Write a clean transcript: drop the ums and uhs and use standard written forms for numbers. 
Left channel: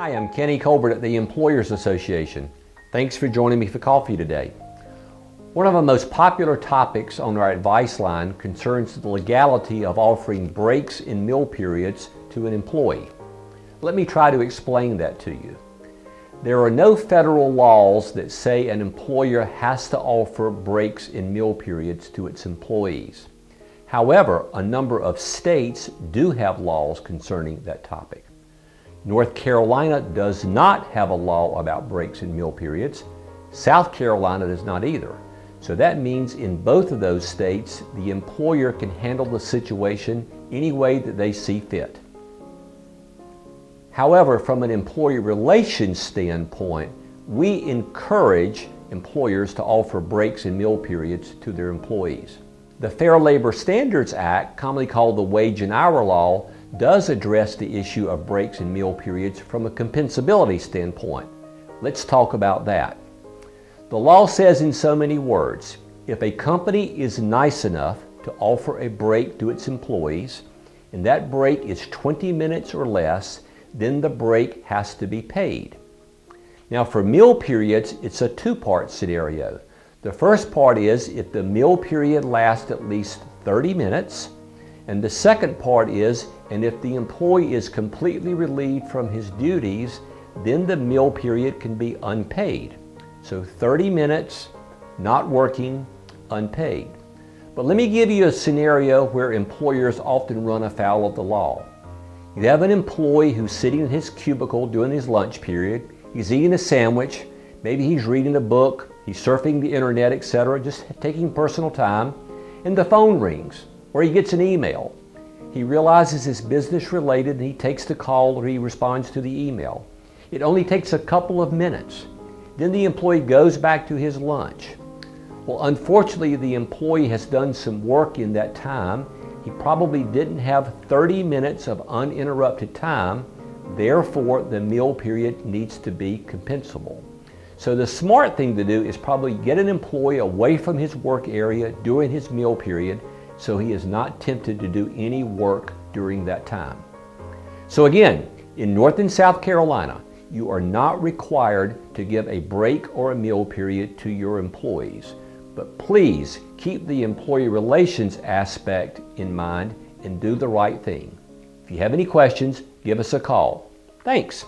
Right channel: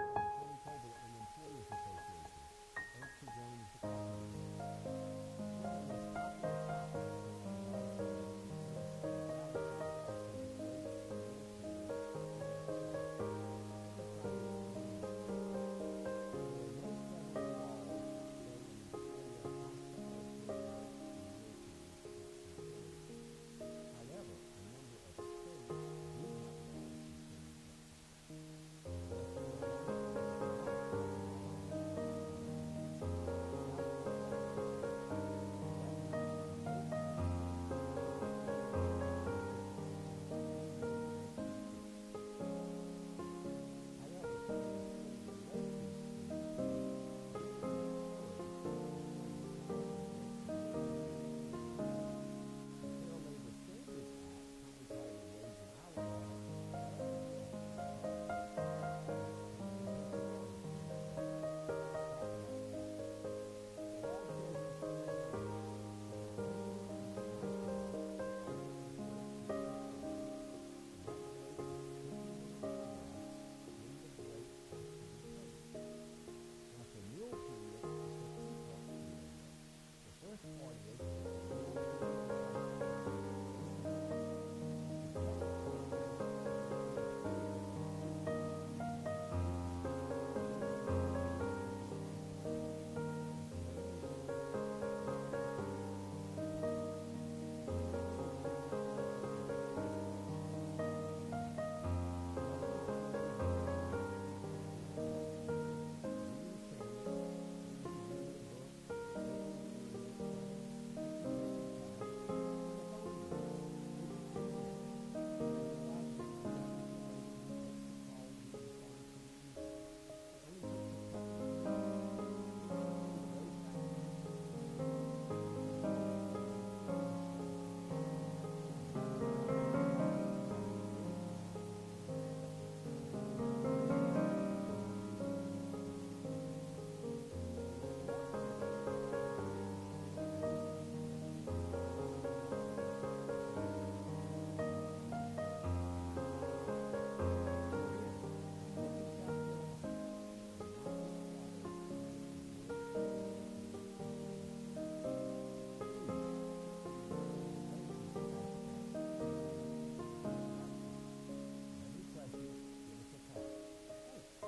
Hi, I'm Kenny Colbert at the Employers Association. Thanks for joining me for coffee today. One of the most popular topics on our advice line concerns the legality of offering breaks in meal periods to an employee. Let me try to explain that to you. There are no federal laws that say an employer has to offer breaks in meal periods to its employees. However, a number of states do have laws concerning that topic. North Carolina does not have a law about breaks in meal periods. South Carolina does not either. So that means in both of those states, the employer can handle the situation any way that they see fit. However, from an employee relations standpoint, we encourage employers to offer breaks in meal periods to their employees. The Fair Labor Standards Act, commonly called the Wage and Hour Law, does address the issue of breaks in meal periods from a compensability standpoint. Let's talk about that. The law says in so many words, if a company is nice enough to offer a break to its employees, and that break is 20 minutes or less, then the break has to be paid. Now for meal periods, it's a two-part scenario. The first part is if the meal period lasts at least 30 minutes, and the second part is, and if the employee is completely relieved from his duties, then the meal period can be unpaid. So 30 minutes, not working, unpaid. But let me give you a scenario where employers often run afoul of the law. You have an employee who's sitting in his cubicle during his lunch period. He's eating a sandwich. Maybe he's reading a book. He's surfing the internet, etc., just taking personal time. And the phone rings, or he gets an email. He realizes it's business related and he takes the call or he responds to the email. It only takes a couple of minutes. Then the employee goes back to his lunch. Well, unfortunately, the employee has done some work in that time. He probably didn't have 30 minutes of uninterrupted time. Therefore, the meal period needs to be compensable. So the smart thing to do is probably get an employee away from his work area during his meal period so he is not tempted to do any work during that time. So again, in North and South Carolina, you are not required to give a break or a meal period to your employees. But please keep the employee relations aspect in mind and do the right thing. If you have any questions, give us a call. Thanks.